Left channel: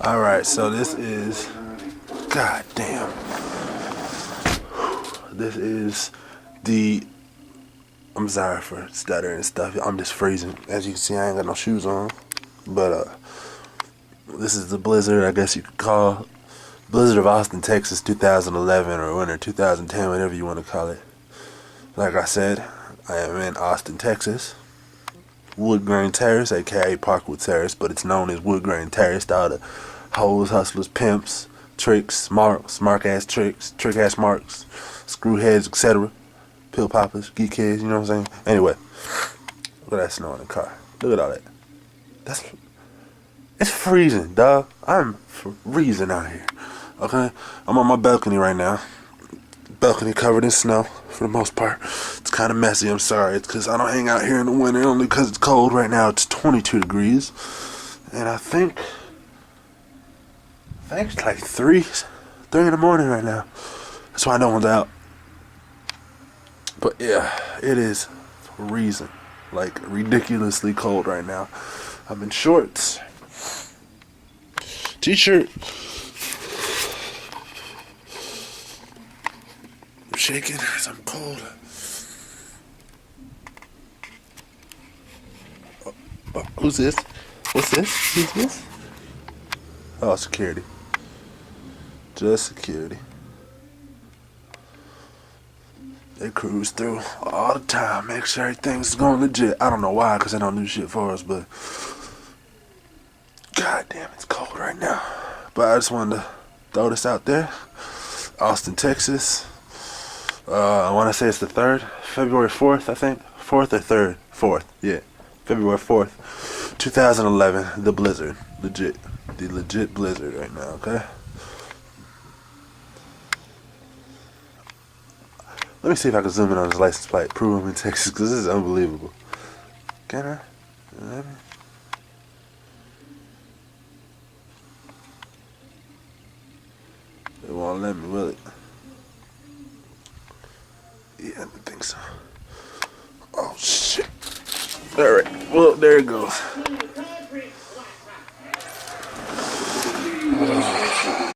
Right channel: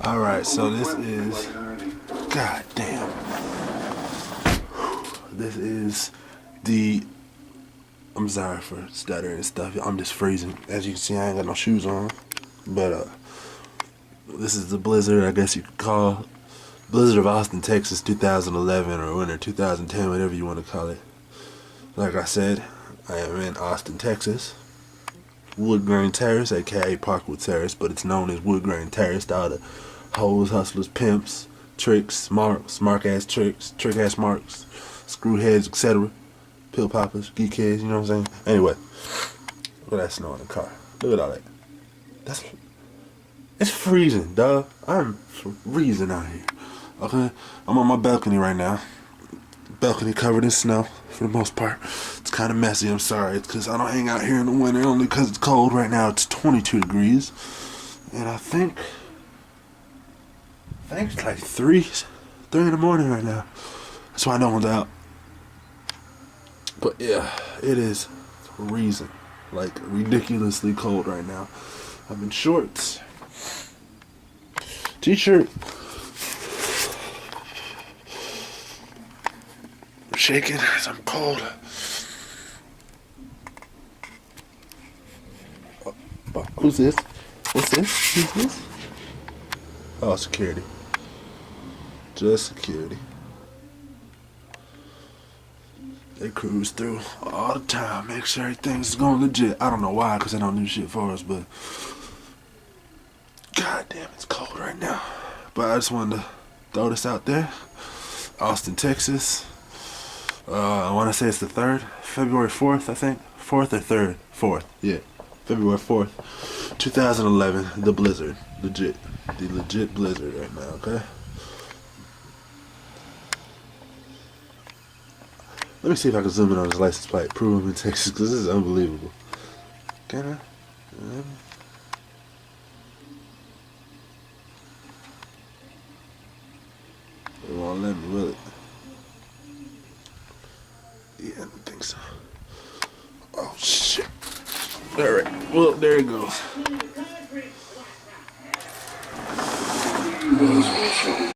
Alright, so this is, god damn, this is the, I'm sorry for stuttering and stuff, I'm just freezing. As you can see, I ain't got no shoes on, but this is the blizzard, I guess you could call, Blizzard of Austin, Texas, 2011, or winter 2010, whatever you want to call it. Like I said, I am in Austin, Texas. Wood Grain Terrace, aka Parkwood Terrace, but it's known as Wood Grain Terrace. All the hoes, hustlers, pimps, tricks, smart ass tricks, trick ass marks, screwheads, etc. Pill poppers, geek heads, you know what I'm saying? Anyway, look at that snow in the car. Look at all that. It's freezing, dog. I'm freezing out here. Okay, I'm on my balcony right now. Balcony covered in snow for the most part. It's kind of messy. I'm sorry. It's because I don't hang out here in the winter only because it's cold. Right now it's 22 degrees, and I think it's like 3 in the morning right now. That's why no one's out. But yeah, it is freezing, like ridiculously cold right now. I'm in shorts, t-shirt. I'm shaking as I'm cold. Oh, who's this? What's this? Who's this? Oh, security. Just security. They cruise through all the time, make sure everything's going legit. I don't know why, because they don't do shit for us, but god damn, it's cold right now. But I just wanted to throw this out there. Austin, Texas. I want to say it's the 3rd, February 4th, I think. 4th or 3rd? 4th, yeah. February 4th, 2011, the blizzard. The legit blizzard right now, okay? Let me see if I can zoom in on his license plate, prove him in Texas, because this is unbelievable. Can I? It won't let me, will it? Yeah, I don't think so. Oh, shit. Alright, well, there it goes.